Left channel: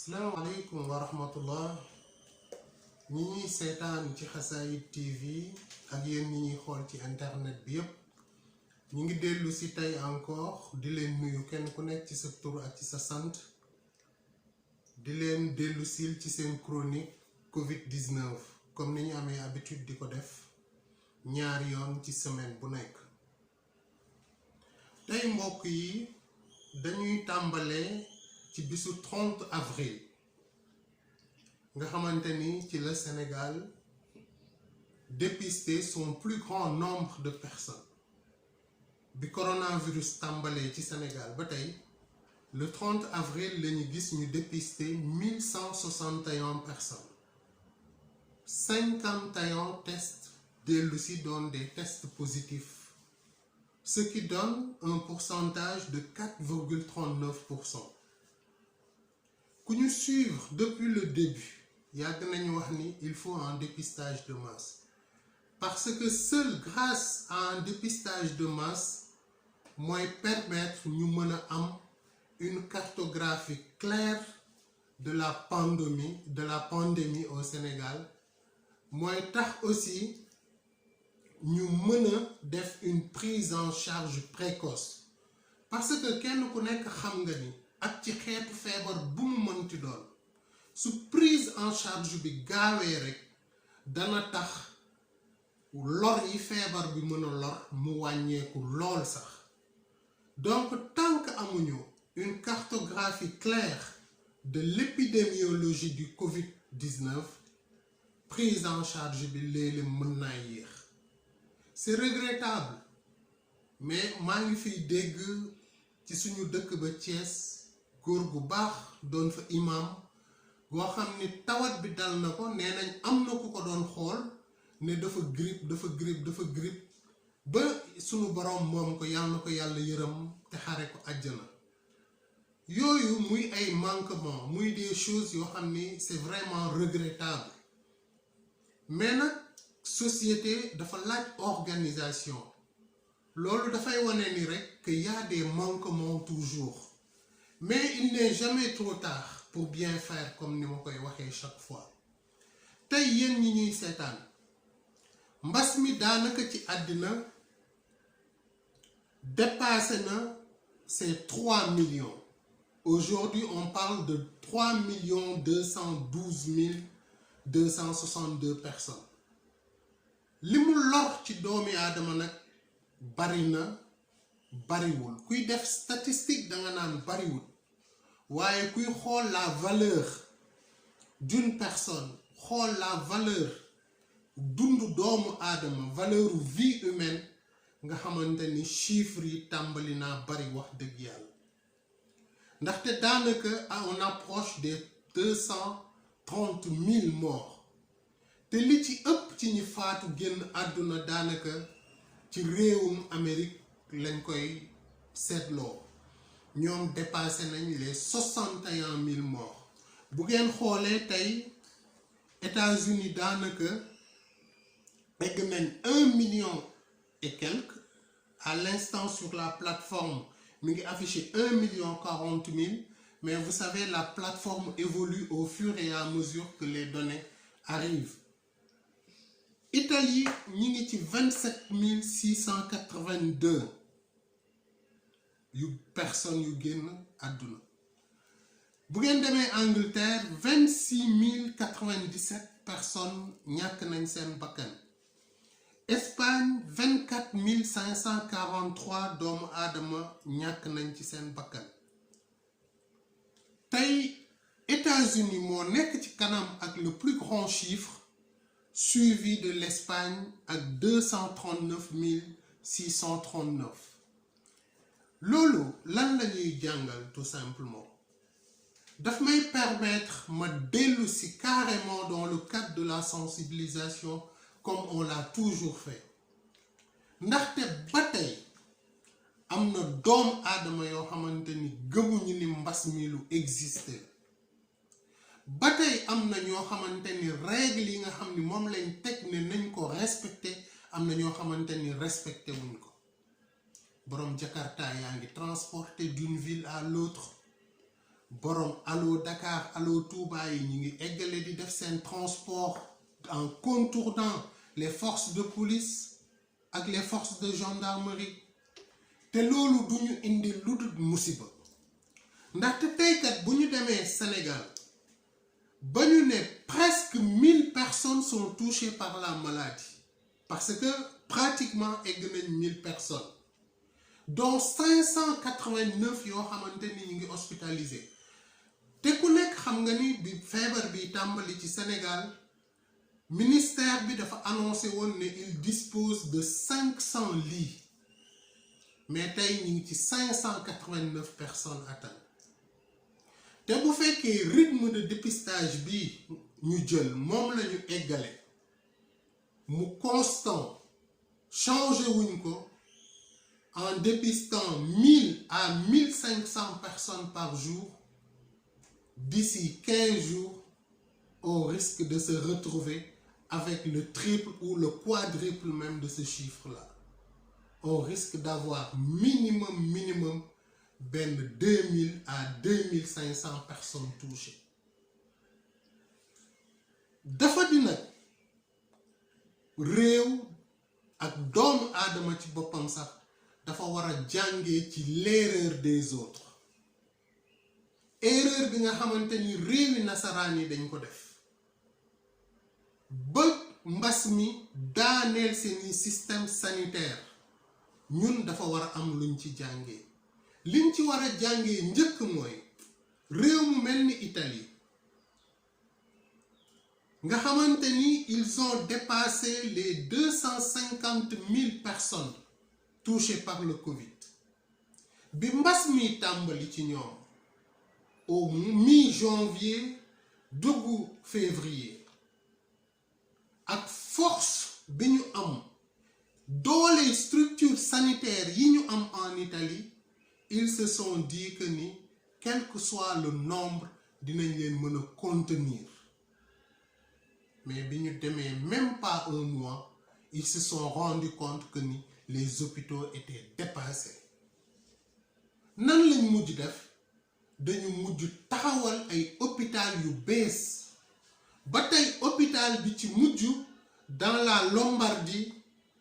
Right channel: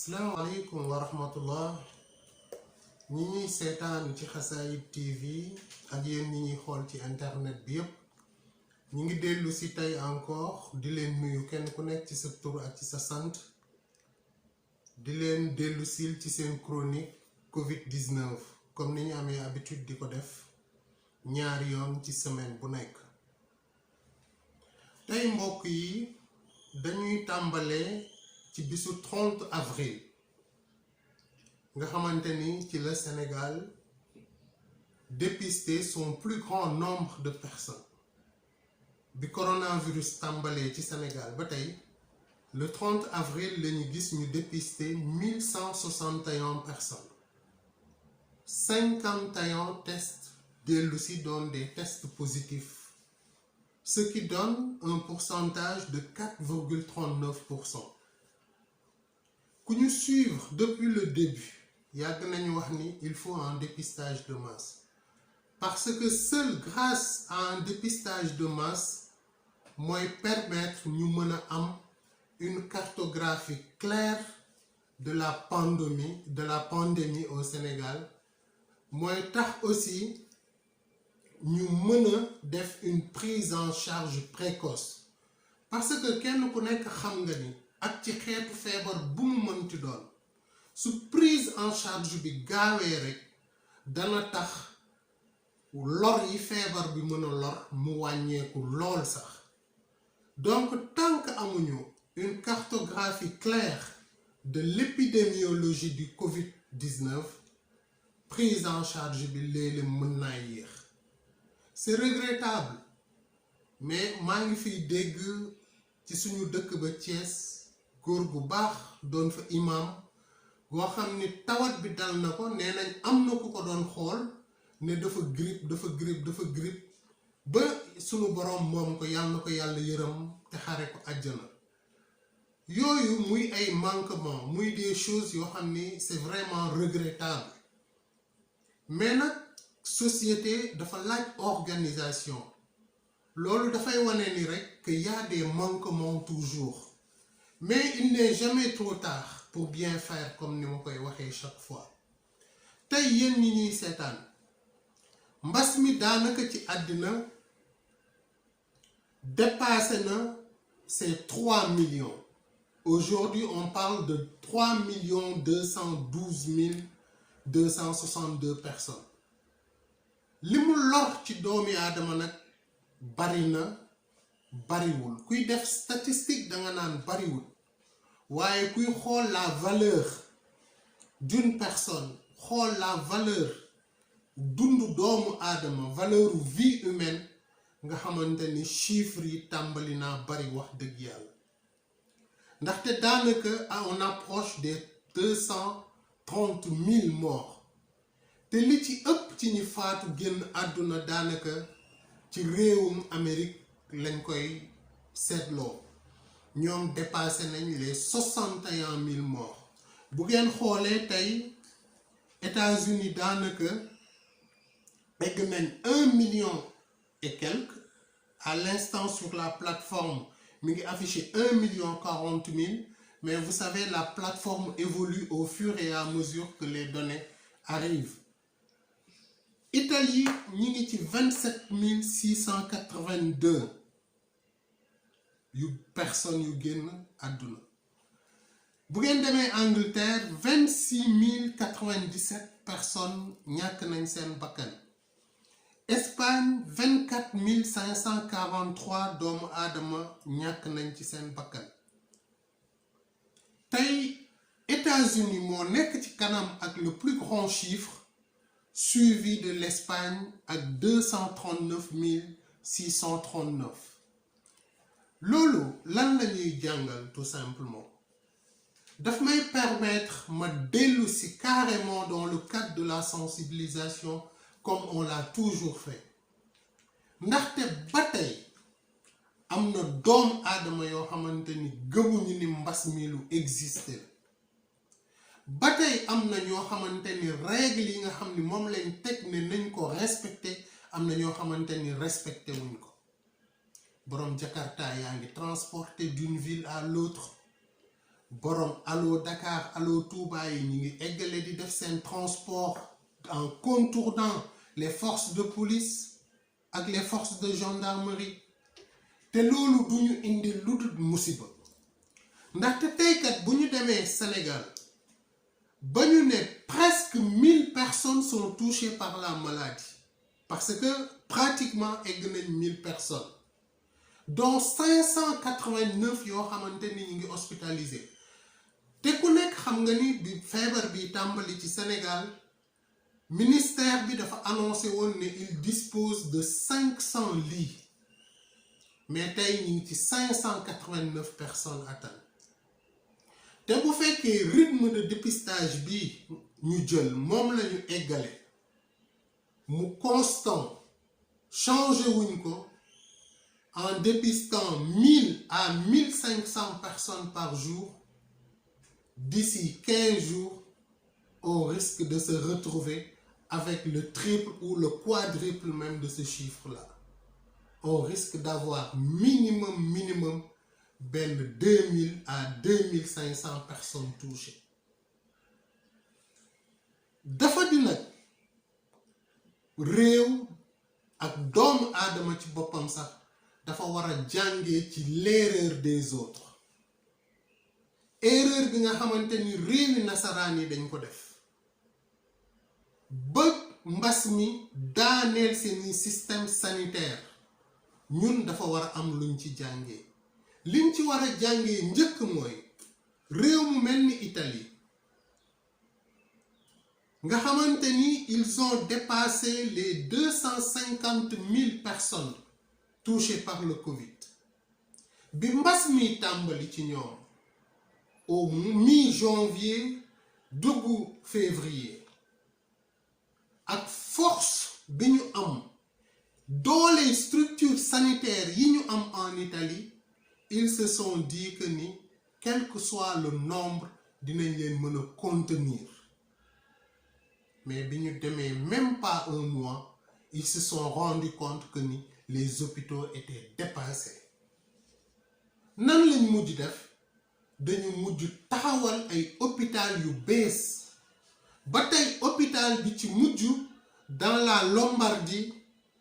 Assalamualaikum warahmatullah ñi ñuy seetaan ci Xasaayid TV ak yéen ñi ñuy xool ci internet bi yépp ñi ngi dellu si tey encore di leen nuyu kenn ku nekk ci sa tur ak ci sa sant di leen dellu sil ci seen chronique Covid-19 comme ni ñu amee habitude di ko def ñaari yoon ci semaine bu nekk. tey mbokk yi dañuy tàmbalee ci bisu 30 avril nga xamante ni ci le Sénégal dépisté son plus grand nombre de personnes bi coronavirus tàmbalee ci Sénégal ba tey le 30 avril la ñu gis ñu dépisté 1161 personnes 51 tests dellu si doon des tests positifs, ce qui donne un pourcentage de 4,39%. Ku ñu suivre depuis le début yàgg nañu wax ni il faut un dépistage de masse parce que seul grâce à un dépistage de masse mooy permettre ñu mën a am une cartographie claire de la pandémie au Sénégal mooy tax aussi ñu mën a def une prise en charge précoce parce que kenn ku nekk xam nga ni ak ci xeetu feebar bu mu mënti doon su prise en charge bi gaawee rek dana tax lor yi feebar bi mën a lor mu wàññeeku lool sax. Donc tant que amuñu une cartographie claire de l'épidémiologie du Covid-19 prise en charge bi léeg-léeg mën naa yéex. C'est regrettable mais maa ngi fiy dégg ci suñu dëkk ba Thiès góor gu baax doon fa imam boo xam ni tawat bi dal na ko nee nañ am na ku ko doon xool ne dafa grippe ba sunu borom moom ko yàlla na ko yàlla yërëm te xare ko àjjana. Yooyu muy ay manquement muy des choses yoo xam ni c'est vraiment regrettable mais nag société dafa laaj organisation loolu dafay wane ni rek que y a des manquements toujours mais il n'est jamais trop tard pour bien faire comme ni ma koy waxee chaque fois. tey yéen ñi ñuy seetaan mbas mi daanaka ci àddina dépassé na ces 3 millions. Aujourd'hui on parle de 3 212 262 personnes. li mu lor ci doomi aadama nag bari na bariwul kuy def statistique danga naan bariwul waaye kuy xool la valeur d'une personne xool la valeur dundu doomu aadama valeur vie humaine nga xamante ni chiffres yi tàmbali naa bari wax dëgg yàlla ndaxte daanaka on approche des 230 000 morts te li ci ëpp ci ñi faatu génn àdduna daanaka ci réewum Amérique lañ koy seetloo ñoom dépassé nañ les 61 000 morts. bu ngeen xoolee tey États-Unis daanaka egg nañ 1 million et quelques à l'instant sur la plateforme mi ngi affiché 1 million 40 000 mais vous savez la plateforme évolue au fur et à mesure que les données arrivent. Italie ñi ngi ci 27 682 yu personnes yu génn àdduna. bu ngeen demee Angleterre 26 097 personnes ñàkk nañ seen bakkan. Espagne 24 543 doomu aadama ñàkk nañ ci seen bakkan. tey États-Unis moo nekk ci kanam ak le plus grand chiffre suivi de l'Espagne ak 239 639. loolu lan la ñuy jàngal tout simplement daf may permettre ma dellu si carrément dans le cadre de la sensibilisation comme on l'a toujours fait ndaxte ba tey am na doom aadama yoo xamante ni gëmuñu ni mbas mi lu existé ba tey am na ñoo xamante ni règle yi nga xam ni moom lañ teg ne nañ ko respecté am na ñoo xamante ni respecté wuñ ko. borom Jakarta yaa ngi transporté d'une ville à l'autre borom Allo Dakar Allo Touba yi ñu ngi eggale di def seen transport en contournant les forces de police ak les forces de gendarmerie te loolu du ñu indi lu dul musiba ndaxte teykat bu ñu demee Sénégal ba ñu ne presque 1000 personnes sont touchées par la maladie parce que pratiquement egg nañ 1000 personnes dont 589 yoo xamante ni ñu ngi hospitalisé te ku nekk xam nga ni bi feebar bi tàmbali ci Sénégal ministère bi dafa annoncé woon ne il dispose de 500 lits mais tey ñu ngi ci 589 personnes atteintes te bu fekkee rythme de dépistage bi ñu jël moom la ñu eggale mu constant changé wuñ ko en dépistant 1000 à 1500 personnes par jour d'ici 15 jours on risque de se retrouver avec le triple ou le quadruple même de ce chiffre-là on risque d'avoir minimum 2000 à 2500 personnes touchées dafa di nag réew ak doomu aadama ci boppam sax dafa war a jàngee ci l'erreur des autres erreur bi nga xamante ni réewi nasaraan yi dañ ko def ba mbas mi daaneel seeni système sanitaire ñun dafa war a am luñ ci jàngee liñ ci war a jàngee njëkk mooy réew mu mel ni Italie nga xamante ni ils ont dépassé les 250 000 personnes touchées par le Covid bi mbas mi tàmbali ci ñoom au mi-janvier dugg février ak force bi ñu am doole structure sanitaire yi ñu am en Italie ils se sont dit que ni quel que soit le nombre dinañ leen mën a contenir mais bi ñu demee même pas un mois ils se sont rendus compte que ni les hôpitaux étaient dépassés nan lañ mujj def dañu mujj taxawal ay hôpital yu bees ba tey hôpital bi ci mujj dans la Lombardie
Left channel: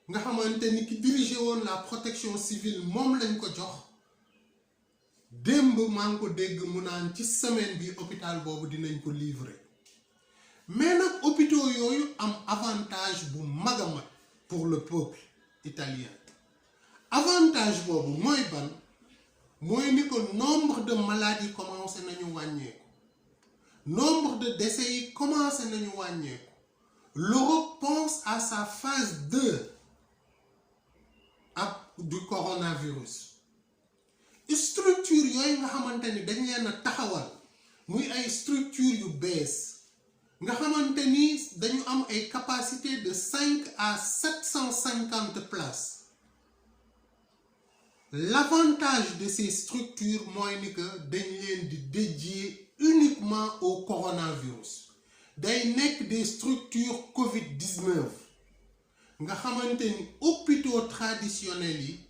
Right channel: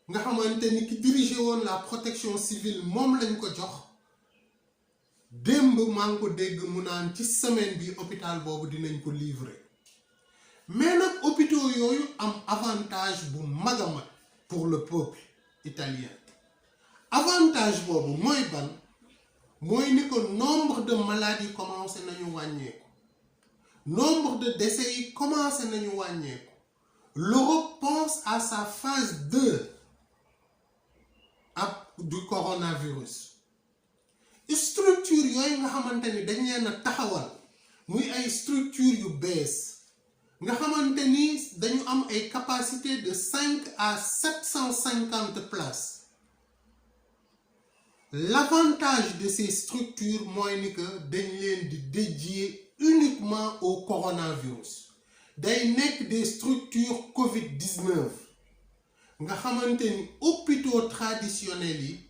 nga xamante ni ki dirigé woon la protection civile moom lañ ko jox démb maa ngi ko dégg mu naan ci semaine bi hôpital boobu dinañ ko livrer mais nag hôpitaux yooyu am avantage bu mag a mag pour le peuple italien avantage boobu mooy ban mooy ni ko nombre de malades yi commencé nañu wàññeeku nombre de décès yi commencé nañu wàññeeku l'Europe pense à sa phase 2 du coronavirus structure yooyu nga xamante ni dañ leen a taxawal muy ay structure yu bees nga xamante ni dañu am ay capacité de 5 à 750 places l'avantage de ces structures mooy ni que dañ leen di dédier uniquement au coronavirus day nekk des structures Covid-19 nga xamante ni hôpitaux traditionnels yi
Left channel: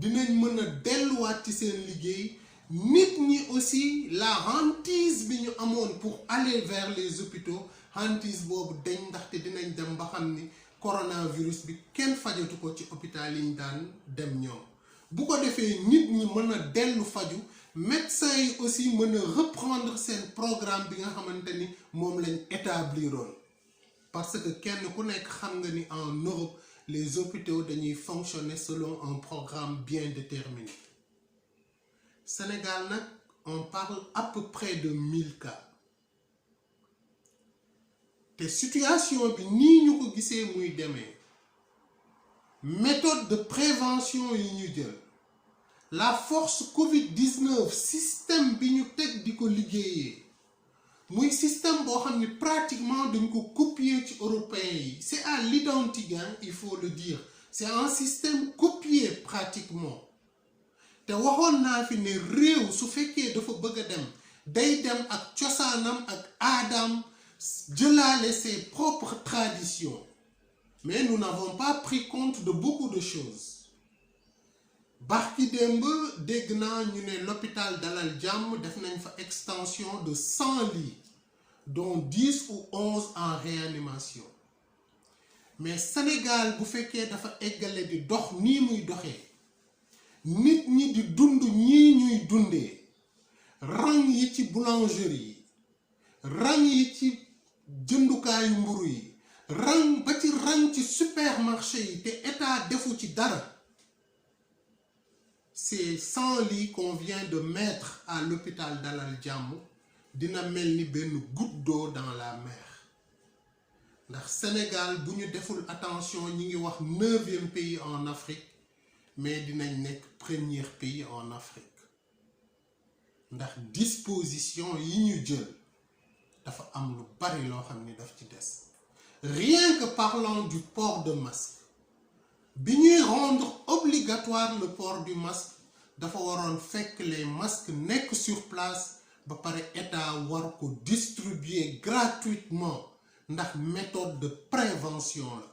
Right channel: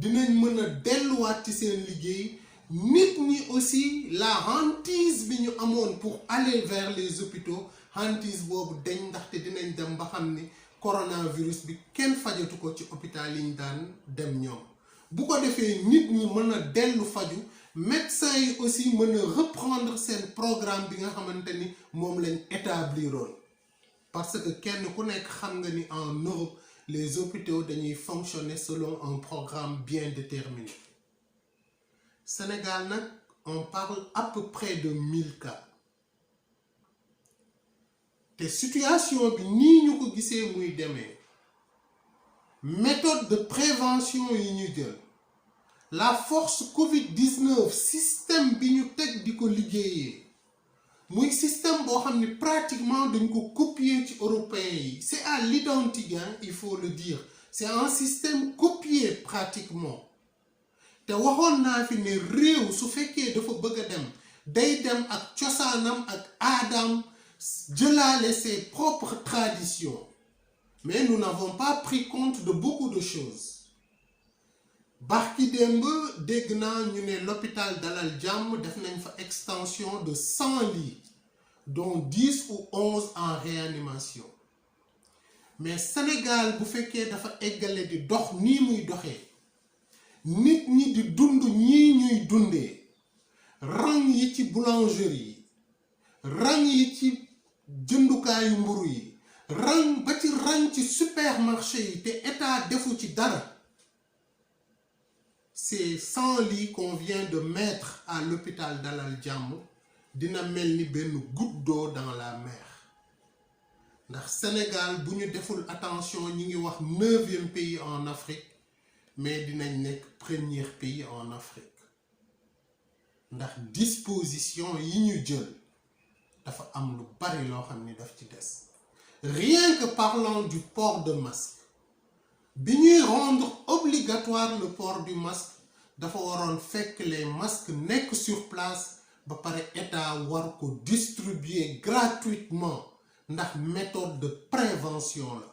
dinañ mën a delluwaat ci seen liggéey nit ñi aussi la hantise bi ñu amoon pour aller vers les hôpitaux hantise boobu dañ ndaxte dinañ dem ba xam ni coronavirus bi kenn fajatu ko ci hôpital yi ñu daan dem ñoom bu ko defee nit ñi mën a dellu faju médecins yi aussi mën a reprendre seen programme bi nga xamante ni moom lañ établiroon parce que kenn ku nekk xam nga ni en Europe les hôpitaux dañuy fonctionner selon un programme bien déterminé Sénégal nag on parle à peu près de 1000 cas te situation bi nii ñu ko gisee muy demee méthode de prévention yi ñu jël la force Covid-19 système bi ñu teg di ko liggéeyee muy système boo xam ni pratiquement dañ ko copier ci européens yi c'est à l'identique il faut le dire c'est un système copié pratiquement te waxoon naa fi ne réew su fekkee dafa bëgg a dem day dem ak cosaanam ak aadam jëlaale ses propres traditions mais nous n'avons pas pris compte de beaucoup de choses barki démb dégg naa ñu ne l'hôpital Dalal Jàmm def nañ fa extension de 100 lits dont 10 ou 11 en réanimation mais Sénégal bu fekkee dafa eggale di dox nii muy doxee nit ñi di dund ñii ñuy dundee rang yi ci boulangerie yi rang yi ci jëndukaayu mburu yi rang ba ci rang ci supermarché yi te état defu ci dara. Ces 100 lits qu'on vient de mettre à l'hôpital Dalal Jàmm dina mel ni benn goutte d'eau dans la mer ndax Sénégal bu ñu deful attention ñi ngi wax 9e pays en Afrique mais dinañ nekk premier pays en Afrique ndax disposition yi ñu jël dafa am lu bari loo xam ni daf ci des. Rien que parlant du port de masque bi ñuy rendre obligatoire le port du masque dafa waroon fekk les masques nekk sur place ba pare état war ko distribuer gratuitement ndax méthode de prévention la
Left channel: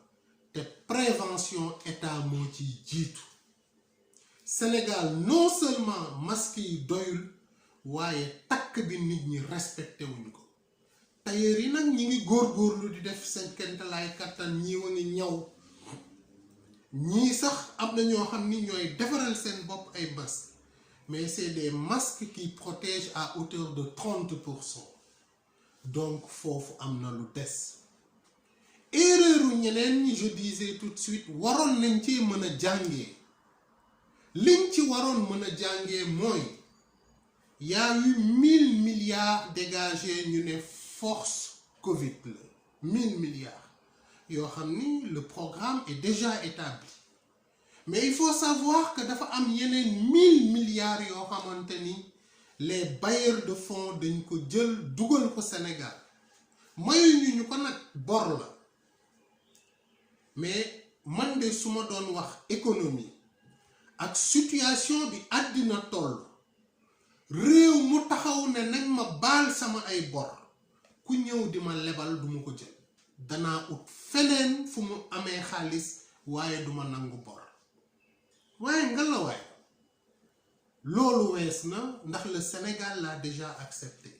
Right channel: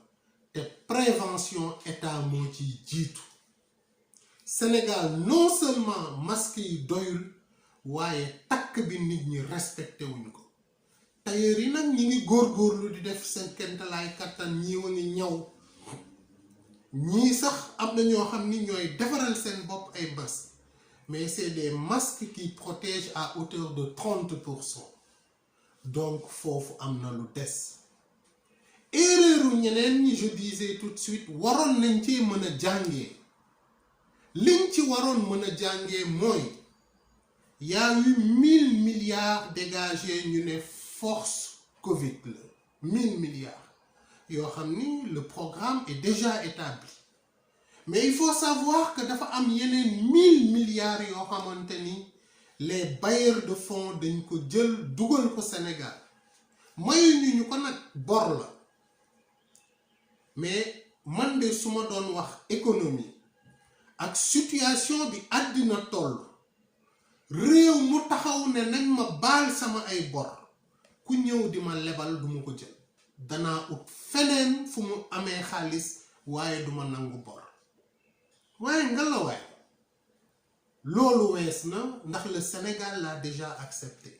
te prévention état moo ciy jiitu. Sénégal non seulement masque yi doyul waaye takk bi nit ñi respecté wuñ ko. tailleur yi nag ñi ngi góorgóorlu di def seen kentalaay kattan ñii wa ngi ñaw ñii sax am na ñoo xam ni ñooy defaral seen bopp ay masques mais c'est des masques qui protègent à hauteur de 30%. donc foofu am na lu des. erreur ñeneen ñi je disais tout de suite waroon nañ ci mën a jàngee liñ ci waroon mën a jàngee mooy y a eu 1000 milliards dégagés ñu ne force Covid la 1000 milliards yoo xam ni le programme est déjà établi mais il faut savoir que dafa am yeneen 1000 milliards yoo xamante ni les bailleurs de fonds dañ ko jël dugal ko Sénégal mayuñu ñu ko nag bor la mais man de su ma doon wax économie ak situation bi àddina toll réew mu taxaw ne nañ ma baal sama ay bor ku ñëw di ma lebal du ma ko jël danaa ut feneen fu mu amee xaalis waaye duma nangu bor waaye nga la waay loolu wees na ndax le Sénégal l'a déjà accepté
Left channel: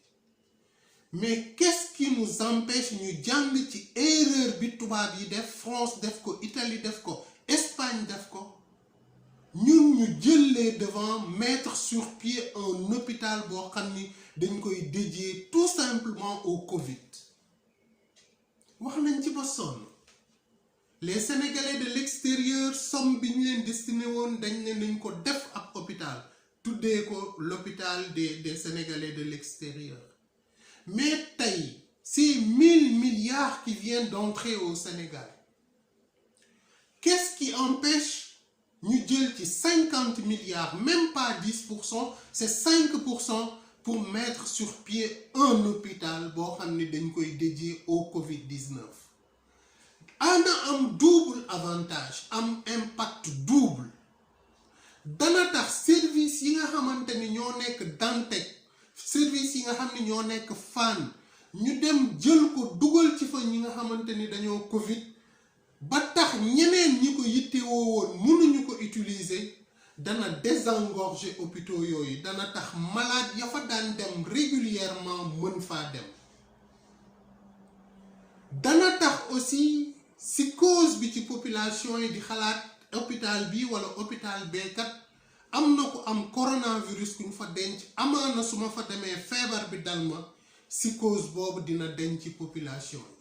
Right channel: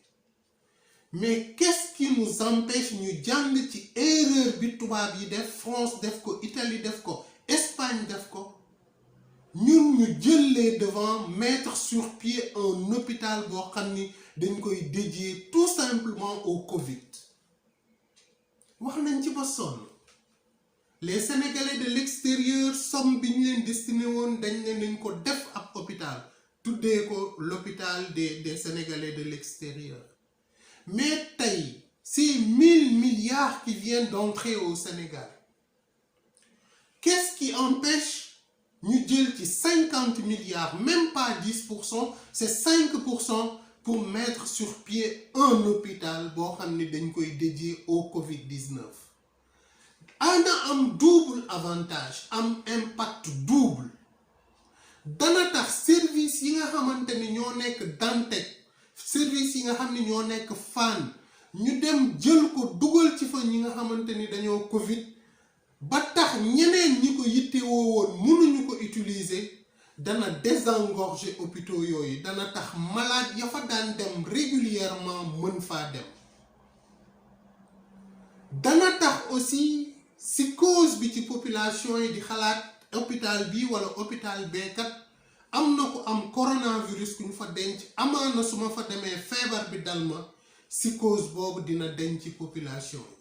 mais qu'est-ce qui nous empêche ñu jàng ci erreur bi tubaab yi def France def ko Italie def ko Espagne def ko ñun ñu jël les devants mettre sur pied un hôpital boo xam ni dañ koy dédier tout simplement au Covid wax nañ ci ba sonn les Sénégalais de l'extérieur somme bi ñu leen destiné woon dañ ne nañ ko def ab hôpital tuddee ko l'hôpital des Sénégalais de l'extérieur mais tey ces 1000 milliards qui viennent d'entrer au Sénégal qu'est-ce qui empêche ñu jël ci 50 milliards même pas 10% c'est 5% pour mettre sur pied un hôpital boo xam ne dañ koy dédié au Covid-19 ana am double avantage am impact double dana tax service yi nga xamante ni ñoo nekk Dantec service yi nga xam ne ñoo nekk Fann ñu dem jël ko dugal ci fa ñi nga xamante ni dañoo Covid ba tax ñeneen ñi ko yittewoo woon mënuñu ko utiliser dana désengorger hôpitaux yooyu dana tax malade ya fa daan dem régulièrement mën faa dem dana tax aussi psychose bi ci population yi di xalaat hôpital bi wala hôpital beekat am na ko am coronavirus ku ñu fa denc amaana su ma fa demee feebar bi dal ma psychose boobu dina denc ci population yi.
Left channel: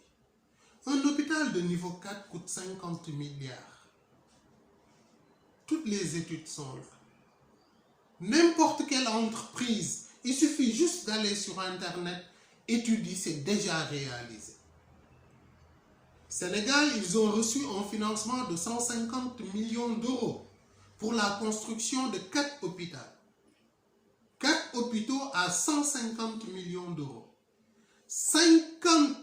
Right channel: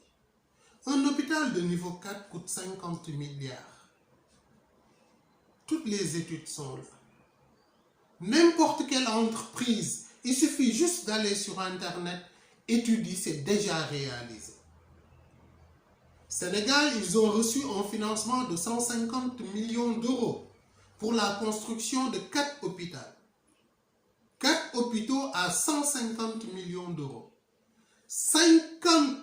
Un hôpital de niveau 4 coûte 50 milliards. Toutes les études sont là. N'importe quelle entreprise, il suffit juste d'aller sur Internet, étudier, c'est déjà réalisé. Sénégal, ils ont reçu un financement de 150 millions d'euros pour la construction de 4 hôpitaux. 4 hôpitaux à 150 millions d'euros. 50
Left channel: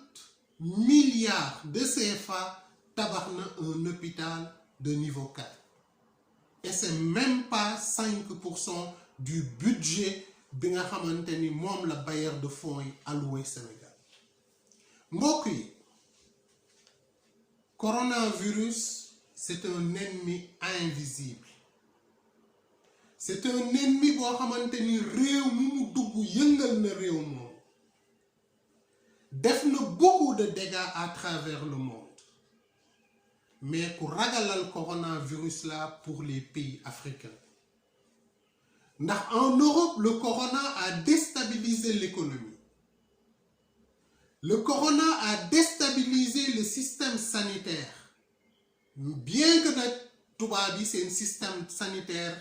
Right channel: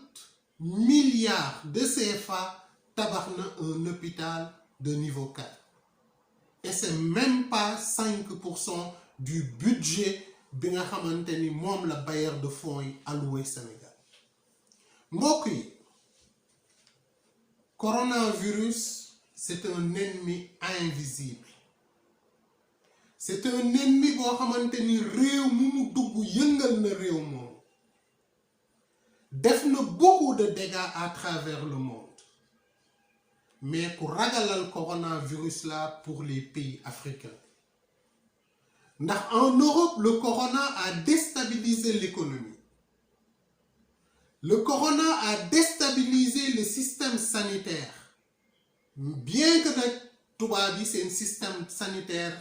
milliards de CFA tabax na un hôpital de niveau 4 et c'est même pas 5% du budget bi nga xamante ni moom la bailleur de fonds yi alloué Sénégal. mbokk yi coronavirus c'est un ennemi invisible c'est un ennemi boo xamante ni réew mi mu dugg yëngal na réew moom def na beaucoup de dégâts à travers le monde mais ku ragalal coronavirus là pour les pays africains ndax en Europe le corona a déstabilisé l'économie. Le corona a déstabilisé le système sanitaire bien que nag tubaab yi seen système sanitaire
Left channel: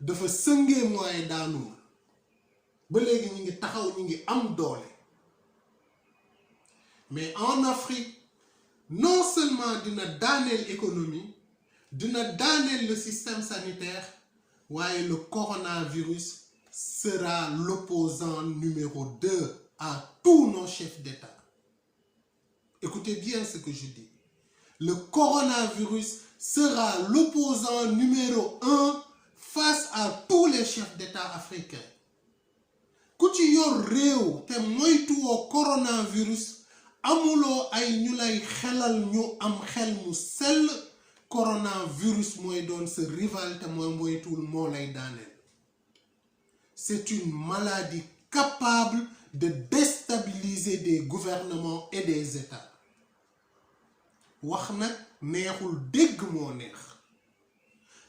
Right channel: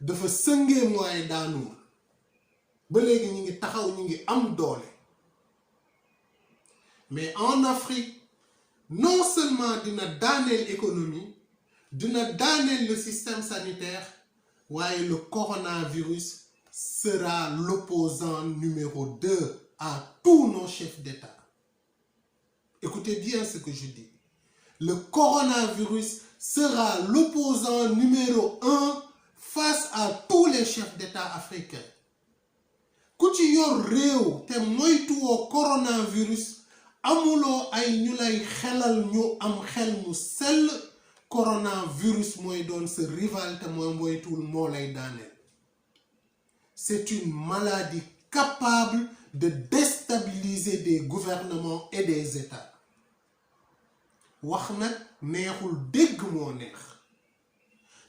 dafa sëngee mooy daanuwul ba léegi ñu ngi taxaw ñu ngi am doole mais en Afrique non seulement dina daaneel économie dina daaneel le système sanitaire waaye le coronavirus sera l'opposant numéro 2 à tous nos chefs d'État. Écoutez bien ce que je dis. Le coronavirus sera l'opposant numéro 1 face à tous les chefs d'État africains. Ku ci yor réew te moytuwoo coronavirus amuloo ay ñu lay xelal ñu am xel mu sell coronavirus mooy doon sa rival te mooy moytuwul moo lay daaneel. C'est une maladie capable de déstabiliser des gouvernements et des États. Wax nag neexul dégg moo neex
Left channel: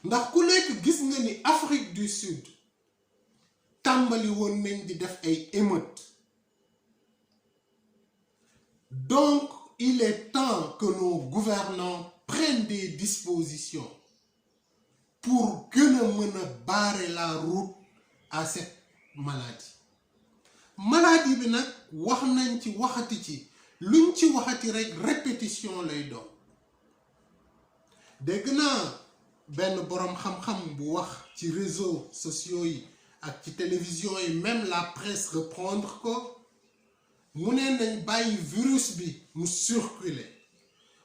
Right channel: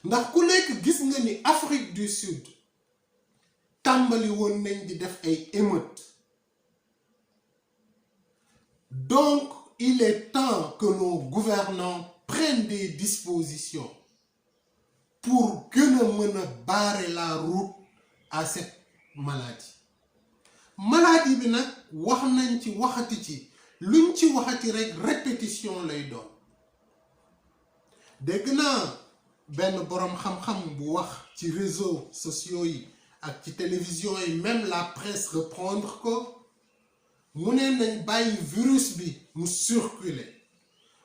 ndax ku nekk gis nga ni Afrique du Sud tàmbali woon nañ di def ay émeutes. Donc il est temps que nos gouvernants prennent des dispositions pour gën a mën a barrer la route à cette maladie. Maladie bi nag wax nañ ci waxati ci luñ ci waxati rek répétition lay doon. Dégg naa benn boroom xam-xam bu wax ci réseaux sociaux yi ak ci télévision yi même la presse reprendre ko mu ne nañ bàyyi virus bi mu circuler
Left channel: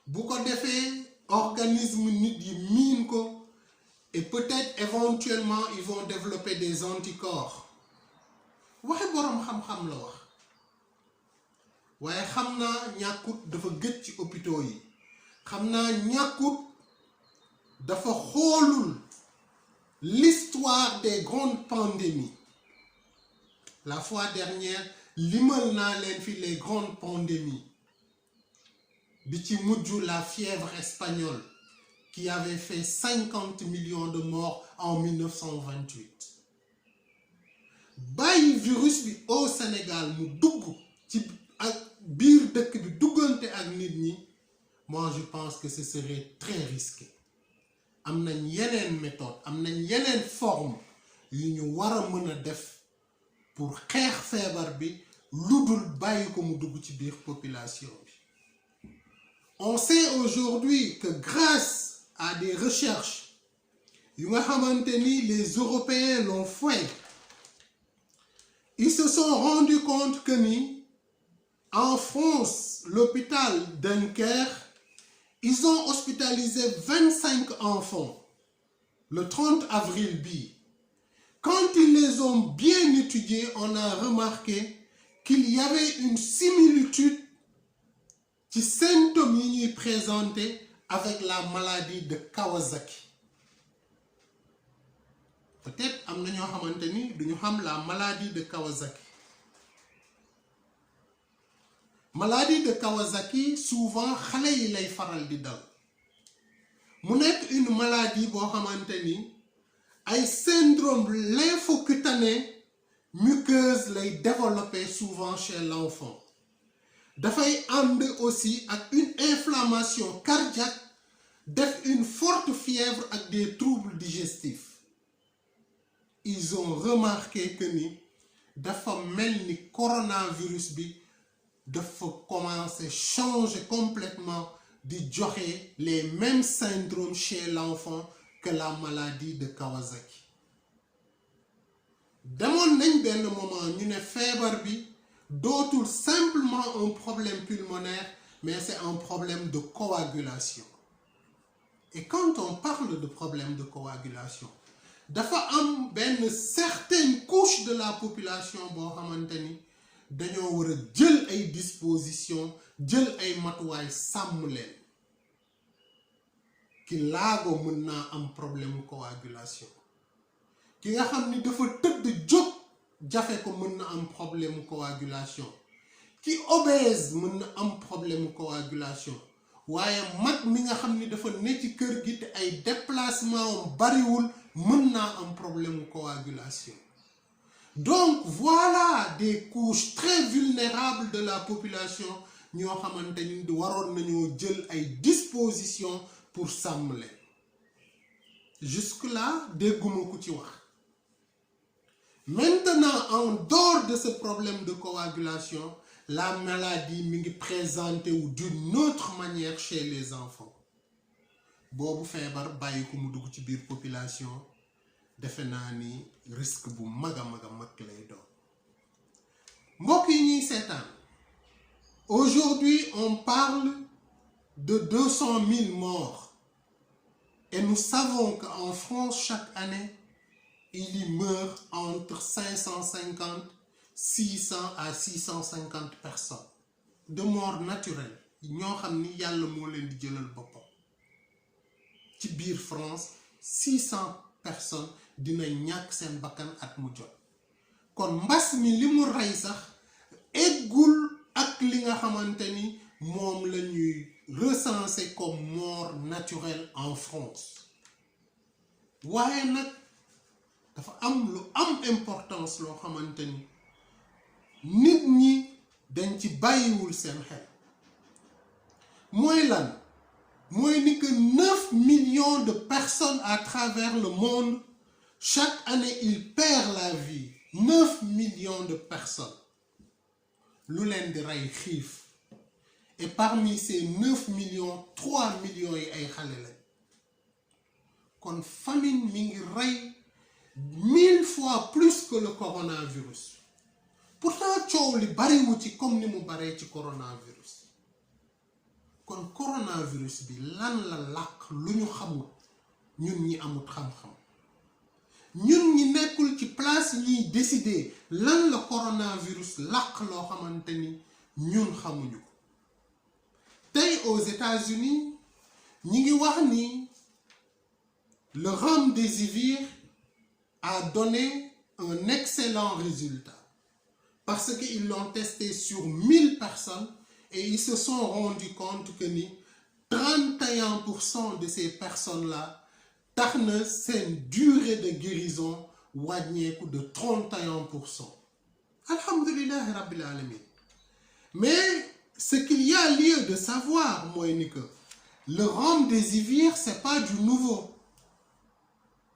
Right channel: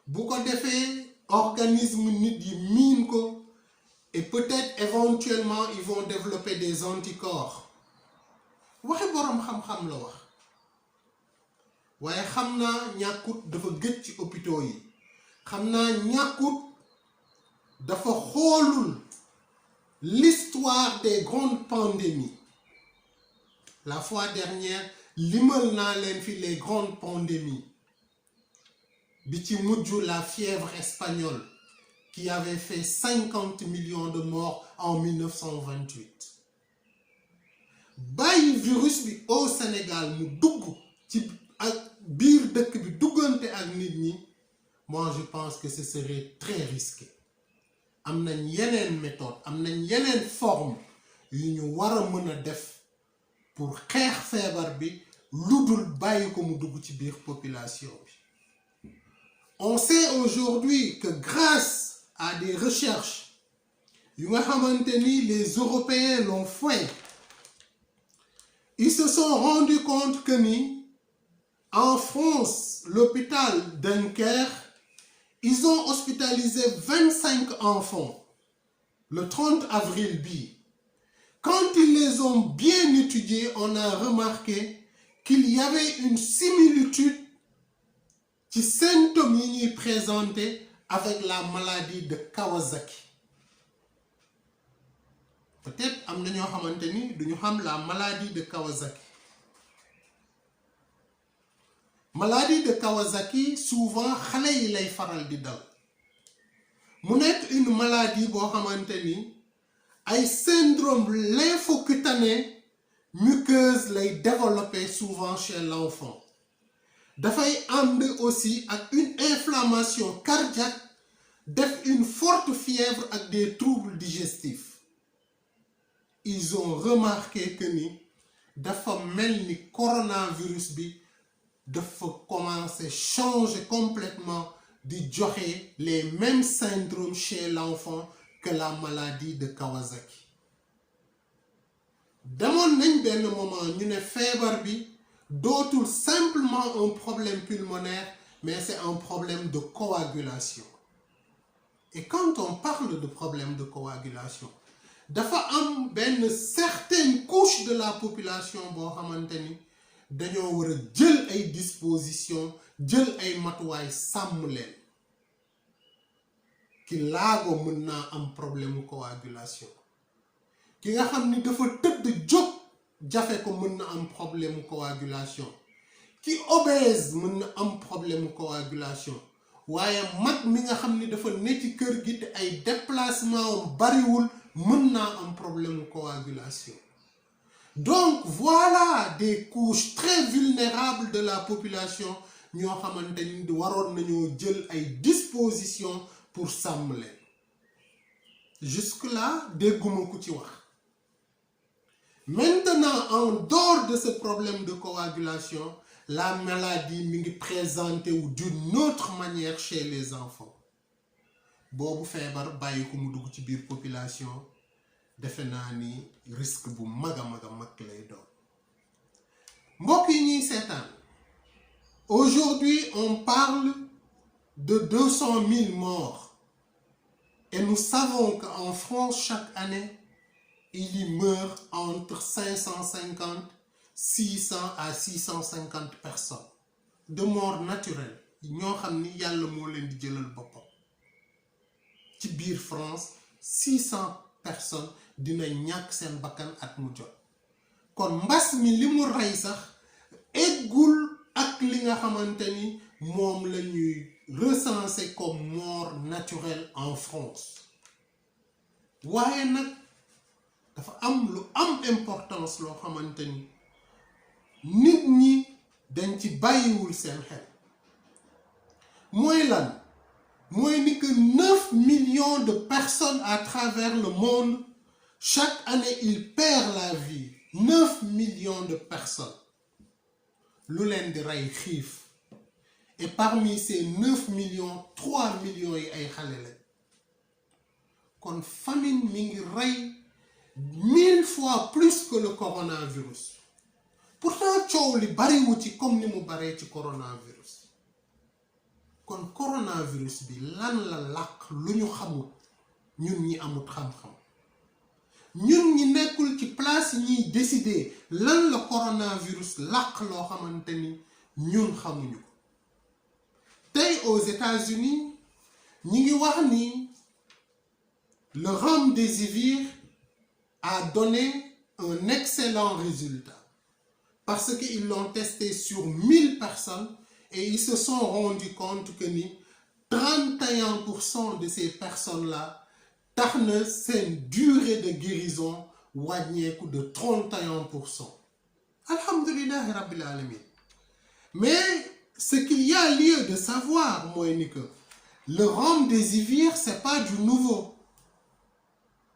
bu ko defee organisme nit yi miin ko et peut-être éventuellement ils vont développer des anticorps. Waxi boroom xam-xam la wax waaye xam naa ñàkkut dafa gëj ci hôpitaux yi xam naa ñàkkut dafa xoolul l'histoire des grandes pandémies. La fois dernière limal naa leen fi les grandes pandémies bi ci mujj la fièvre espagnole qui avait fait 50 millions de morts en 1928. Bàyyi virus bi au Sénégal mu dugg ci ak biir dëkk bi duggante ak nit ñi moi je pense que ce serait très risqué. Am nañ yeneen méthode am nañ yeneen forme yu ñu war a mën a def pour xeex feebar bi lu dul bàyyi ko mu dugg ci biir population bi. On sait aujourd'hui que grâce à des recherches yu nga xamante ni les Européens l'ont fait, ils se sont rendus compte que ni en France, l'hôpital Dunkerque, ils ont hospitalisé 25 enfants le 30 avril bi. Quand ils les ont bien étudiés, on a remarqué qu'il y avait une similitude ci symptômes yi ñuy présenté avec la maladie de Kawasaki. Peut-être am na ñoo xamante ni duñu xam la maladie de Kawasaki. Maladie de Kawasaki souvent xale yi lay faral di dal mu nekk une maladie boo xamante ni ay syndrome lymphocutané muqueuse lay développer souvent chez l'enfant. Dafay ànd aussi ak une inflammation cardiaque def une forte fièvre ak des troubles digestifs. Ils ont remarqué que ni dafa mel ni coronavirus bi dafa commencer changer complètement di joxe les mêmes syndromes chez l'enfant que la maladie de Kawasaki. Demoon nañ benn moment ñu ne feebar bi dootul simplement un problème pulmonaire mais c'est un problème de coagulation. Et quand on parle de problème de coagulation dafa am benn certaine couche de la population boo xamante ni dañoo war a jël ay dispositions jël ay matuwaay sàmm leen ki laago mën naa am problème coagulation. ki nga xam ni dafa tëdd jóg jafe ko mën na am problème coagulation ki obèse mën na am problème coagulation waaye mag mi nga xam ni dafa ne ci kër gi te ay déplacement bariwul mën naa am problème coagulation. Donc voilà des couches très vulnérables de la population ñoo xamante ni waroon nañoo jël ay dispositions pour sàmm leen. Jusque-là dégguma ku ci wax. Maintenant, en dehors de ce problème de coagulation, la maladie mi ngi présentée d'une autre manière chez les enfants. Boobu feebar bàyyi ko mu dugg ci biir population defe naa ni risque bu mag lay doon. Mbokk yi ñuy seetaan aujourd'hui on parle de 200 000 morts et nous savons qu'en France chaque année il y meurt entre 550, 600 à 650 personnes de mort naturelle ñoo xam ni yàlla moo leen di jëlal boppam. Ci biir France 600 personnes dina ñàkk seen bakkan at mu jot kon mbas mi li mu rey sax eggul ak li nga xamante ni moom la ñuy recenser comme mort naturelle en France. waaye nag dafa am lu am importance loo xamante ni nit ñi dañ ci bàyyiwul seen xel mooy lan mooy ni que 9 millions de personnes à travers le monde chaque année ils perdent la vie. 9 millions de personnes lu leen di rey xiif et parmi ces 9 millions 3 millions yi ay xale lañ kon famine mi ngi rey 1000 fois plus que le coronavirus. Pourtant coow li bariwu ci comme ni mu baree ci coronavirus. kon coronavirus bi lan la làq lu ñu xamul ñun ñi amut xam-xam ñun ñi nekkul ci place yi ñuy décider lan la coronavirus làq loo xamante ni ñun xamuñu ko. tey aux États-Unis ñi ngi wax ni le remdesivir a donné un excellent résultat parce qu'ils l'ont testé sur 1000 personnes et ils se sont rendus compte que ni 31% de ces personnes-là tax na seen durée de guérison wàññeeku de 31%. Alhamdulillahi Rabbil Alamin. Mais ce qu'il y a lieu de savoir mooy ni que le remdesivir c'est pas du nouveau.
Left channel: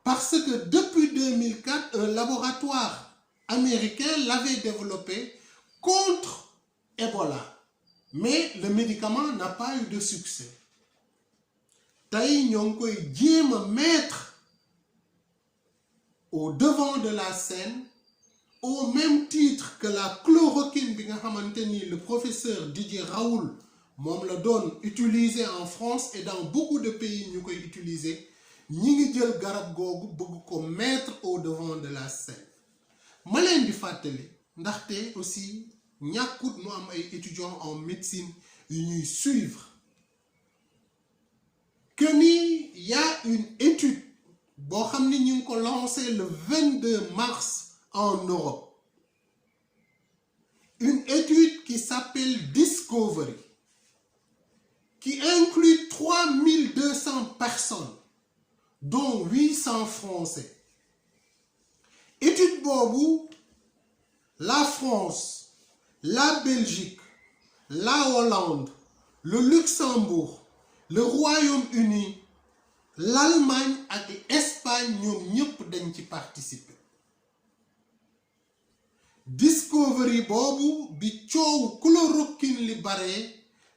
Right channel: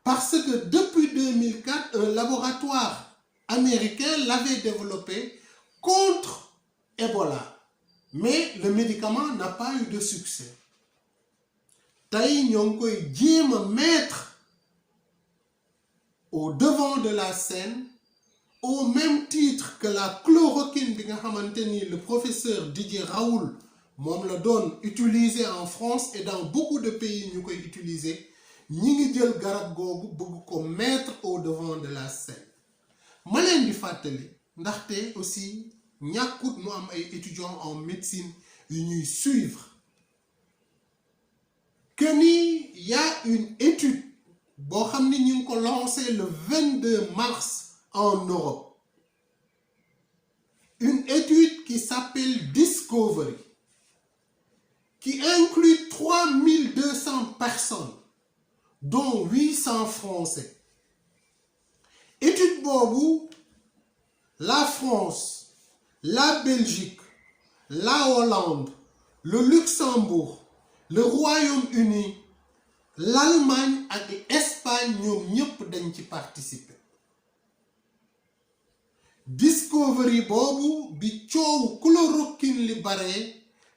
Parce que depuis 2004 un laboratoire américain l'avait développé contre Ebola. Mais le médicament n'a pas eu de succès. tey ñoo ngi koy jéem a mettre au devant de la scène au même titre que la chloroquine bi nga xamante ni le professeur Didier Raoult moom la doon utiliser en France et dans beaucoup de pays ñu koy utiliser ñi ngi jël garab googu bëgg ko mettre au devant de la scène. ma leen di fàttali ndaxte aussi ñàkkut mu am ay étudiants en médecine yu ñuy suivre que ni y a une étude boo xam ni ñu ngi ko lancé le 22 mars en Europe. Une étude qui s'appelle Discovery qui inclut 3200 personnes dont 800 Français. Étude boobu la France, la Belgique, la Hollande, le Luxembourg, le Royaume-Uni, l'Allemagne ak l'Espagne ñoom ñëpp dañ ci participer. Discovery boobu bi coow chloroquine li bare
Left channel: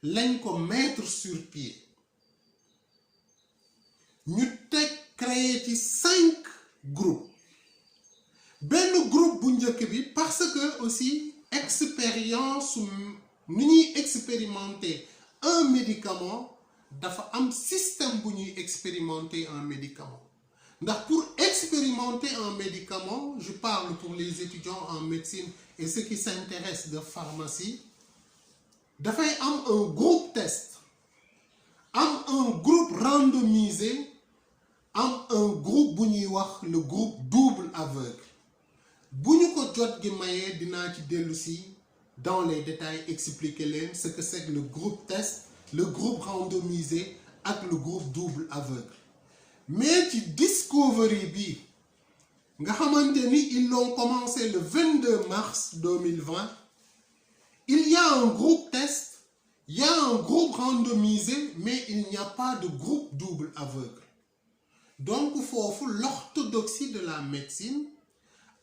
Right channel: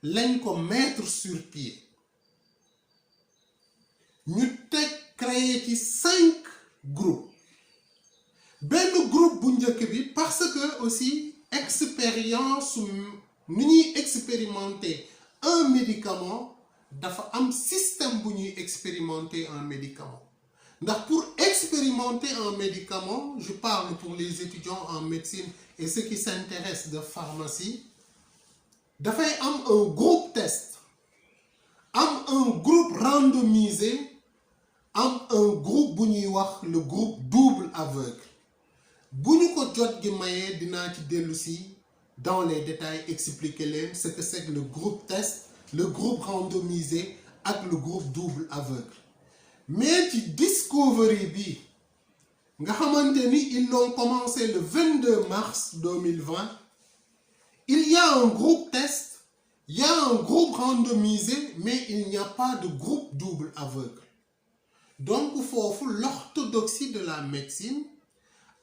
lañ ko mettre sur pied. ñu teg créé ci 5 groupes. benn groupe bu njëkk bi parce que aussi expérience ni ñuy expérimenter un médicament dafa am système bu ñuy expérimenter un médicament ndax pour expérimenter un médicament je parle pour les étudiants en médecine et ceux qui s'intéressent de pharmacie dafay am un groupe test am un groupe randomisé am un groupe bu ñuy wax le groupe double aveugle bu ñu ko jot gi mayee dinaa ci dellu si dans les détails expliquer leen ce que c'est que le groupe test le groupe randomisé ak le groupe double aveugle mais ci Discovery bi nga xamante ni ils l'ont commencé le 22 mars 2020 il y a un groupe test il y a un groupe randomisé mais il n'y a pas de groupe double aveugle donc foofu l'orthodoxie de la médecine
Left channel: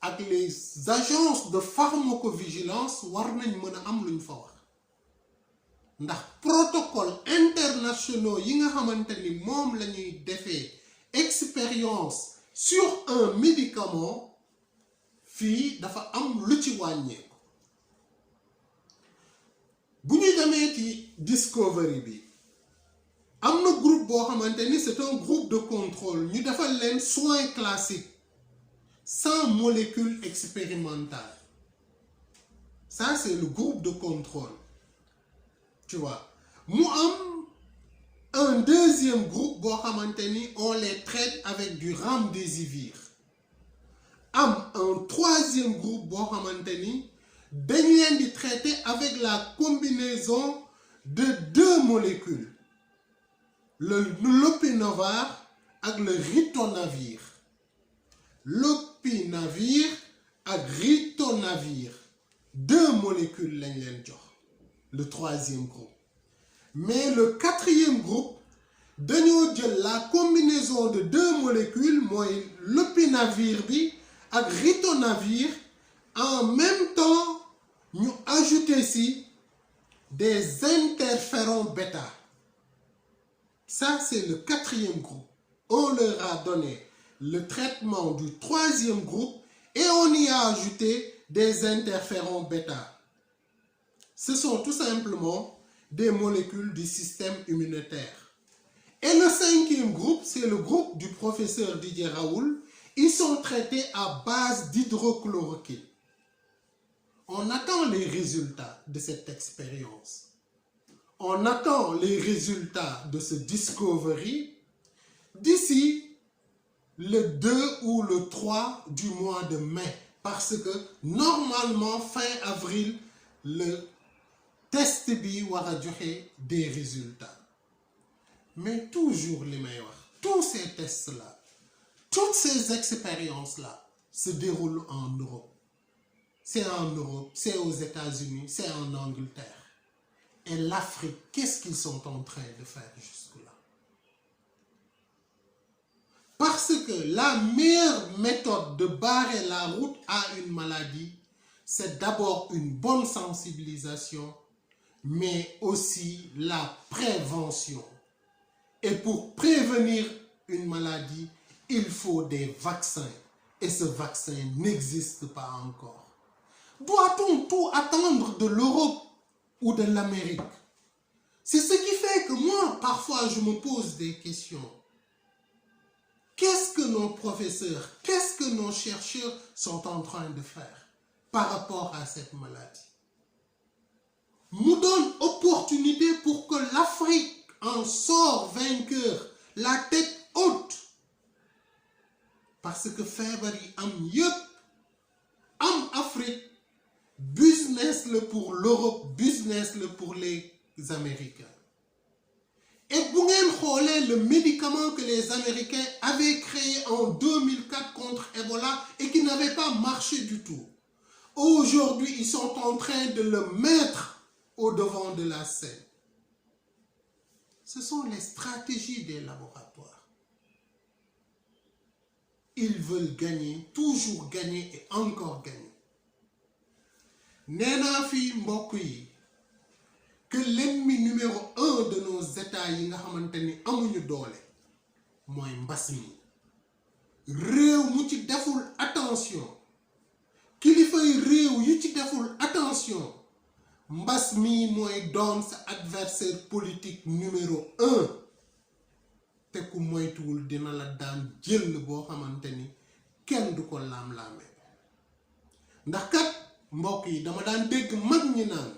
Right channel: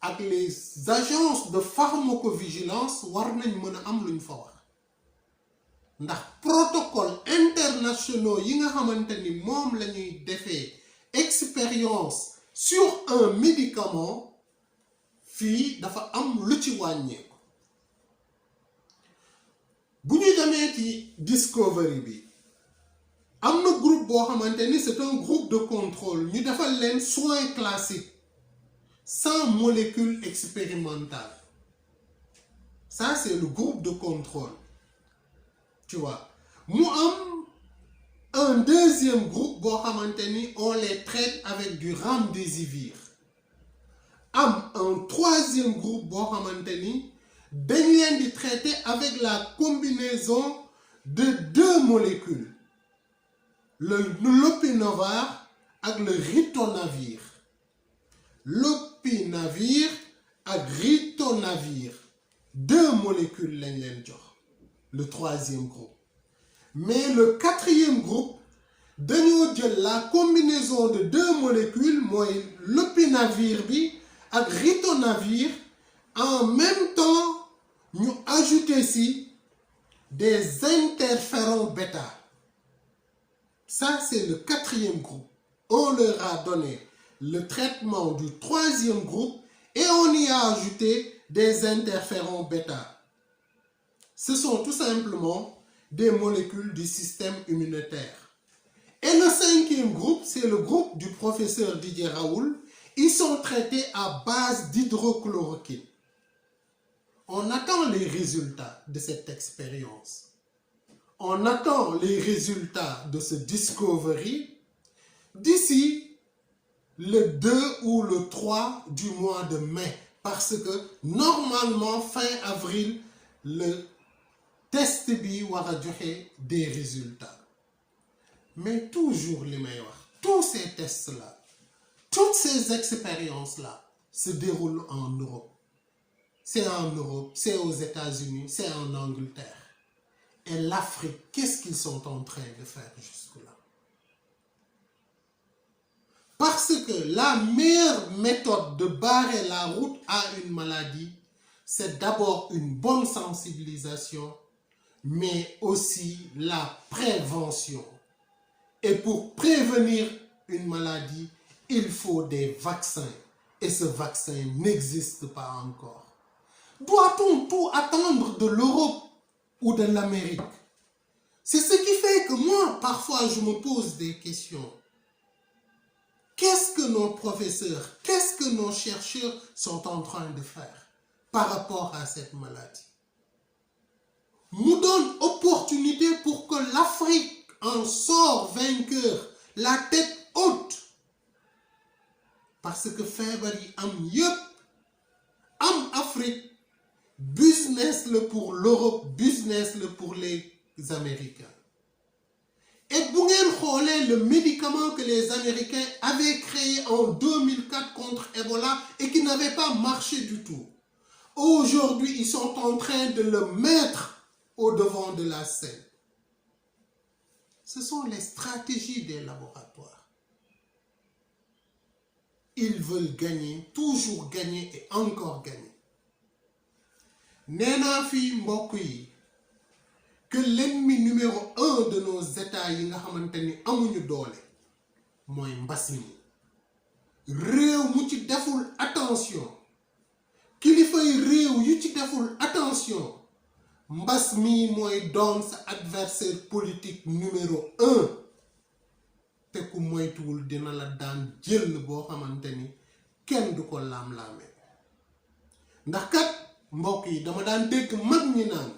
ak les agences de pharmacovigilance war nañ mën a am luñ fa wax ndax protocole internationaux yi nga xamante ni moom la ñuy defee expérience sur un médicament fii dafa am lu ci wàññeeku bu ñu demee ci Discovery bi am na groupe boo xamante ni c'est un groupe de contrôle ñu defal leen soins classiques sans molécule expérimentale ça c'est le groupe de contrôle tu vois mu am un deuxième groupe boo xamante ni on les traite avec du remdesivir am un troisième groupe boo xamante ni dañ leen di traiter avec la combinaison de deux molécules le lopinavir ak le ritonavir lopinavir ak ritonavir deux molécules lañ leen jox le troisième groupe mais le quatrième groupe dañoo jël la combinaison de deux molécules mooy lopinavir bi ak ritonavir en même temps ñu ajouter ci des interférons bêta ça c'est le quatrième groupe on leur a donné le traitement du troisième groupe et on y a ajouté des interférons bêta ce sont tout simplement des molécules du système immunitaire et le cinquième groupe c'est le groupe du professeur Didier Raoult ils sont traités à base d'hydrochloroquine on attend les résultats de cette expérience on attend les résultats de ce Discovery d'ici le 2 ou le 3 du mois de mai parce que normalement fin avril le test bi war a joxe des résultats mais toujours li may wax tous ces tests là toutes ces expériences là se déroulent en Europe c'est en Europe c'est aux États-Unis c'est en Angleterre et l'Afrique qu'est-ce qu'ils sont en train de faire jusque-là parce que la meilleure méthode de barrer la route à une maladie c'est d'abord une bonne sensibilisation mais aussi la prévention et pour prévenir une maladie il faut des vaccins et ce vaccin n'existe pas encore doit-on tout attendre de l'Europe ou de l'Amérique c'est ce qui fait que moi parfois je me pose des questions qu'est-ce que nos professeurs qu'est-ce que nos chercheurs sont en train de faire par rapport à cette maladie nous donne opportunité pour que l'Afrique en sort vainqueur la tête haute parce que feebar yi am yépp am Afrique business le pour l'Europe business le pour les Américains et bu ngeen xoolee le médicament que les Américains avaient créé en 2004 contre Ebola et qui n'avait pas marché du tout aujourd'hui ils sont en train de le mettre au devant de la scène ce sont les stratégies des laboratoires ils veulent gagner toujours gagner et encore gagner nee naa fi mbokk yi que l'ennemi numéro 1 de nos États yi nga xamante ni amuñu doole mooy mbas mi réew mu ci deful attention kilifay réew yu ci deful attention mbas mi mooy doon sa adversaire politique numéro 1 te ku moytuwul dina la daan jël boo xamante ni kenn du ko laam-laame ndax kat mbokk yi dama daan dégg mag ñi naan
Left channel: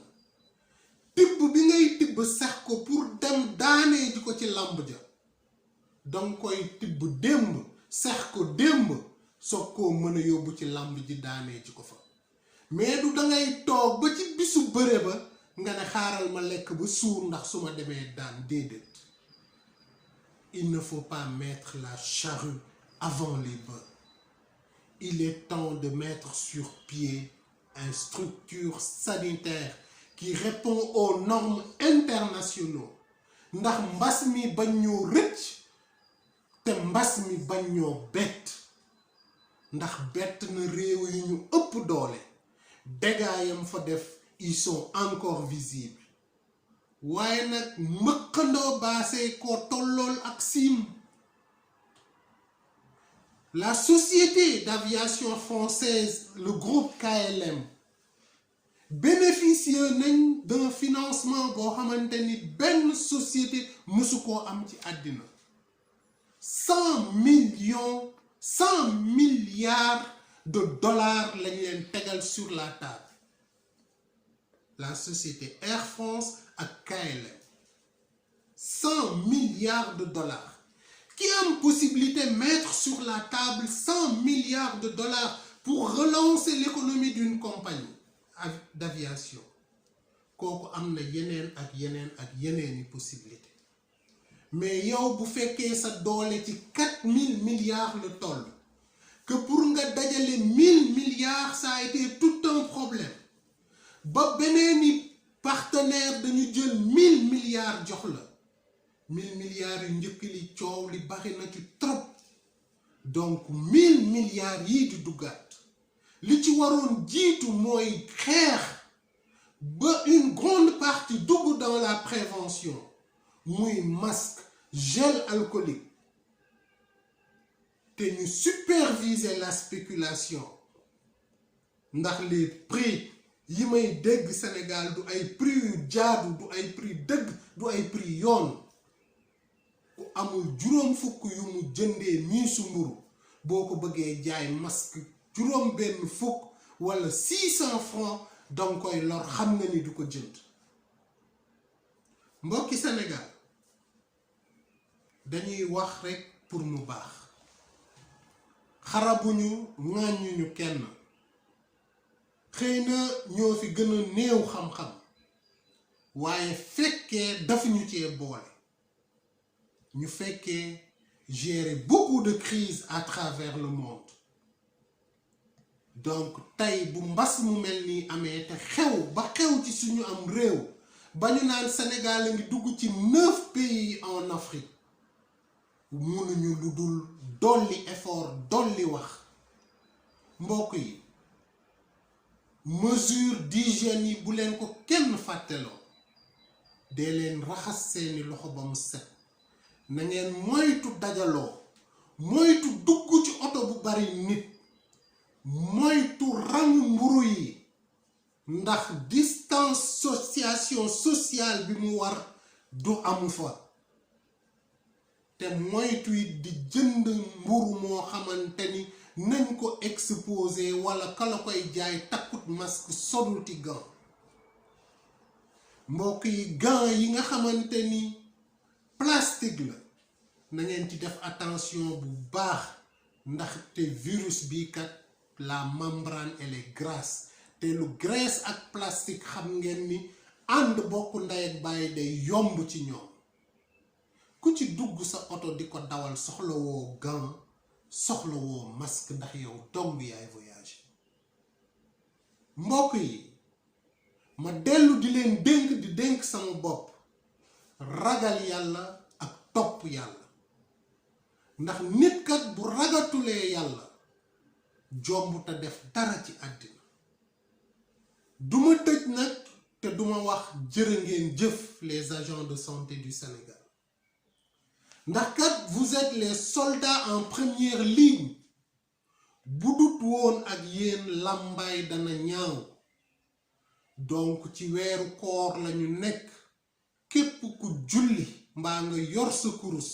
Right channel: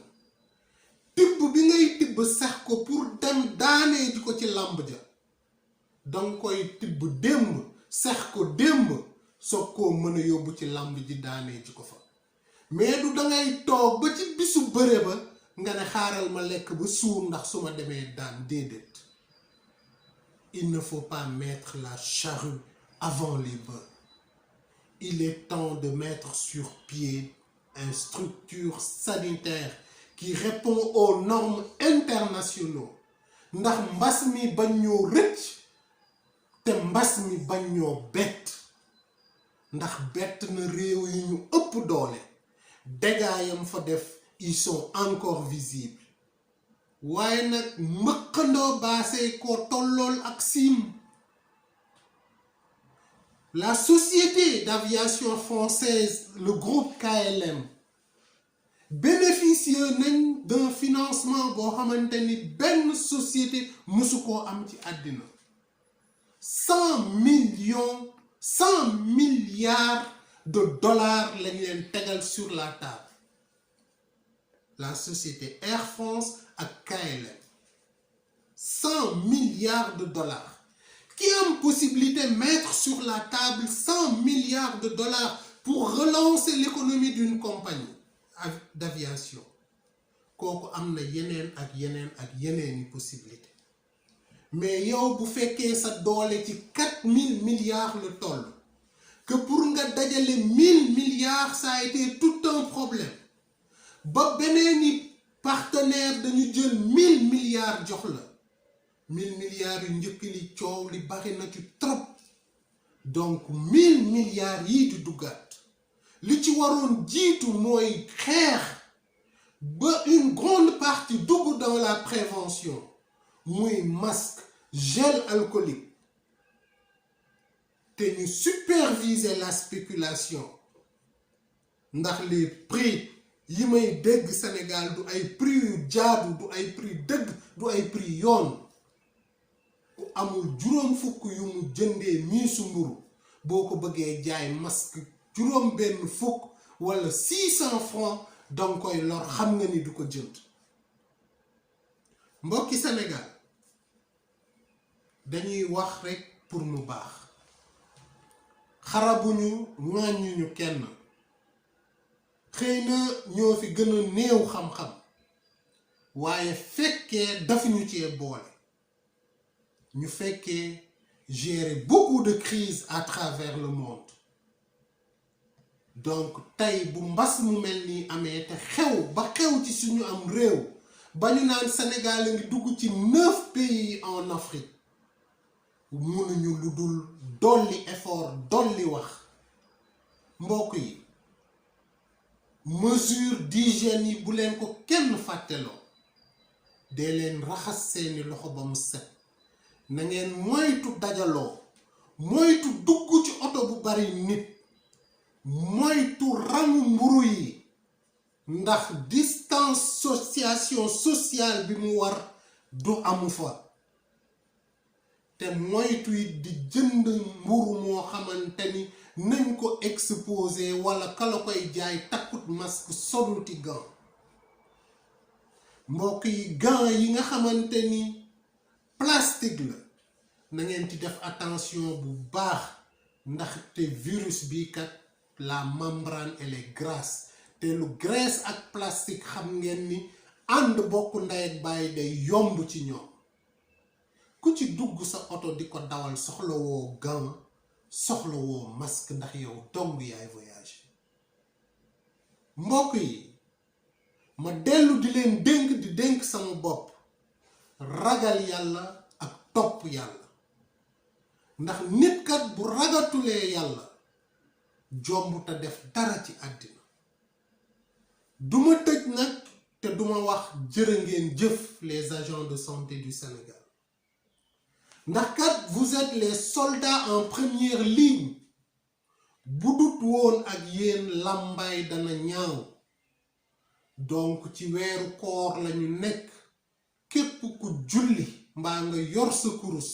tibb bi ngay tibb sax ko pour dem daanee ji ko ci làmb ja danga koy tibb démb sax ko démb soog koo mën a yóbbu ci làmb ji daanee ji ko fa mais du dangay toog ba ci bisu bëre ba nga ne xaaral ma lekk ba suur ndax su ma demee daan déedéet. Il ne faut pas mettre la charrue avant les bœufs. Il est temps de mettre sur pied une structure sanitaire qui répond aux normes internationaux ndax mbas mi bañ ñoo rëcc te mbas mi bañ ñoo bett ndax bett na réew yi ñu ëpp doole dégâts yam fa def ils sont encore visibles waaye nag mëqandoo baasee ko tollool ak siim. La société d'aviation française, le groupe KLM, bénéficie d'un financement boo xamante ni benn société mësu koo am ci àddina 100 milliards de dollars lañ leen tegal sur la table. La société Air France ak KLM 100 milliards de dollars. Qui a une possibilité de mettre sur la table 100 milliards de dollars pour relancer l'économie d'une compagnie d'aviation. Kooku am na yeneen ak yeneeni possibilité mais yow bu fekkee sa doole ci 4000 milliards le toll que pour nga dajale 1000 milliards ça a été tout un problème ba beneeni partenaire dañu jël 1000 milliards jox la 1000 milliards yu njëkk li coow li bari na ci trop donc 1000 milliards yii di duggaat li ci waroon jiitu mooy xeex ba une grande partie dugg dans la prévention muy masque gel alcoolique te ñu superviser la spéculation ndax les prix yi may dégg Sénégal du ay prix yu jaadu du ay prix dëgg du ay prix yoon ku amul juróom fukk yu mu jëndee miisu mburu boo ko bëggee jaay masque juróom benn fukk wala 600 francs danga koy lor xam nga ni du ko jënd. Mbokki Sénégal dañuy wax rekk pour mu baax xarabuñu ŋàññuñu kenn xëy na ñoo fi gën a néew xam-xam waaye fekkee dafa ñu cee boole ñu fekkee gérer beaucoup de crises à travers le monde donc tey bu mbas mu mel nii amee te xew ba xew ci suñu am réew ba ñu naan Sénégal a ngi dugg ci 9 pays en Afrique mënuñu lu dul dolli effort dolli wax mbokk yi mesure d'hygiène yi bu leen ko kenn fàtteloo dee leen raxas seeni loxo ba mu set na ngeen moytu dajaloo moytu dugg ci oto bu bari nit moytu rangu mburu yi ndax distanciation sociale bi mu war du amu fa te moytu it di jënd mburu moo xamante ni nañ ko exposé wala kala koy jaay takkut masque soluti gant mbokk yi gant yi nga xamante ni plastique la na ngeen ci def attention bu baax ndaxte virus bi kat la membrane elle est grasse te lu graisse ak plastique xam ngeen ni ànd bokk ndey ak bàyyi day yomb ci ñoom ku ci dugg sa oto di ko dawal soxla woo gant soxla woo masque ndax yow dong yaay voyage mbokk yi ma dellu di leen dénk sama bopp ragal yàlla ak topp yàlla ndax nit kat bu ragatulee yàlla jomb te def dara ci àddina duma tëj nag te duma wax jërë ngeen jëf les agents de santé du Sénégal ndax kat vous êtes les soldats en première ligne bu dut woon ak yéen làmbaay dana ñaaw donc ci weeru koor lañu nekk képp ku julli mbaa nga yor sa kurus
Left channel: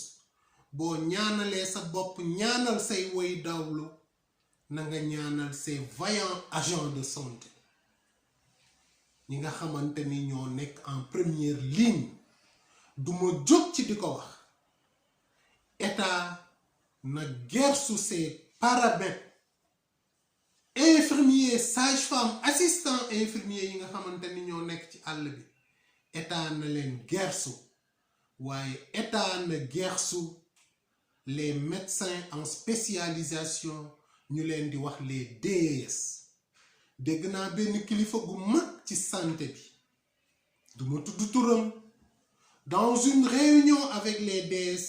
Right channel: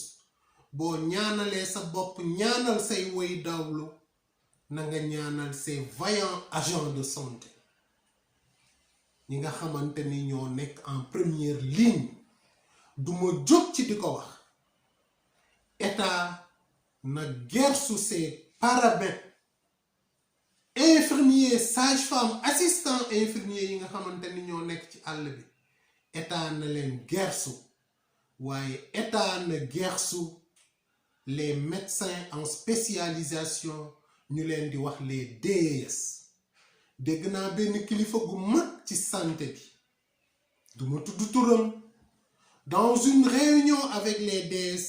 boo ñaanalee sa bopp ñaanal say woy dawlu na nga ñaanal ces vaillants agents de santé ñi nga xamante ni ñoo nekk en première ligne duma jóg ci di ko wax état na gersu ces paramètres infirmier sage-femme assistant infirmier yi nga xamante ni ñoo nekk ci àll bi état na leen gersu waaye état na gersu les médecins en spécialisation ñu leen di wax les DES dégg naa benn kilifa gu mag ci santé bi duma tudd turam dans une réunion avec les DS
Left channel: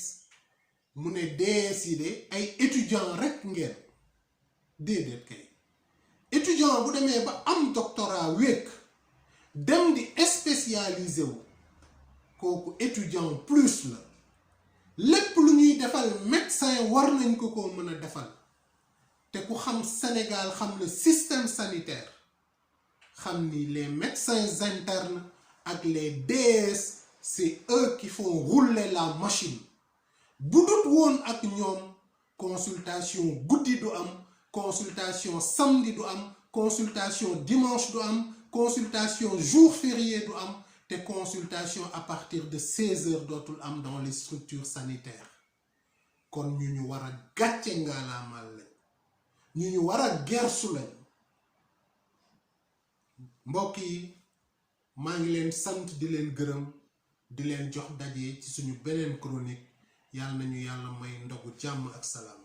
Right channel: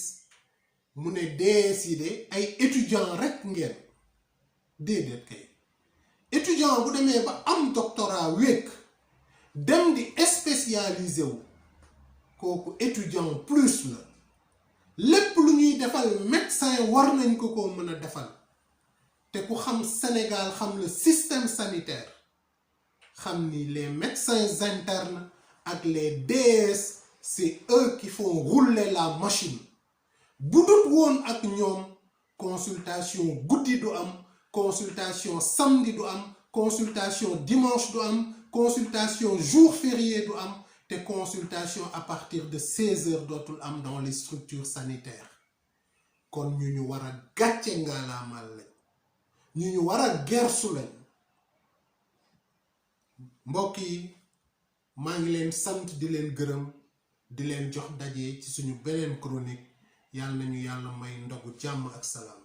mu ne DS yi de ay étudiants rek ngeen déedéet kay étudiant bu demee ba am doctorat wékk dem di spécialisé wu kooku étudiant plus la lépp lu ñuy defal médecin war nañ ko mën a defal te ku xam Sénégal xam le système sanitaire xam ni les médecins internes ak les DS c'est eux qui font rouler la machine bu dut woon ak ñoom consultation guddi du am consultation samedi du am consultation dimanche du am consultation jour férié du am te consultation à partir de 16 heures dootul am dans les structures sanitaires kon ñu war a gàcce ngaalaamal lañ ñu war a gersu lañ mbokk yi maa ngi leen sant di leen gërëm di leen jox daje ci suñu beneen chronique yàlla nañu yàlla may ndogu jàmm ak salaam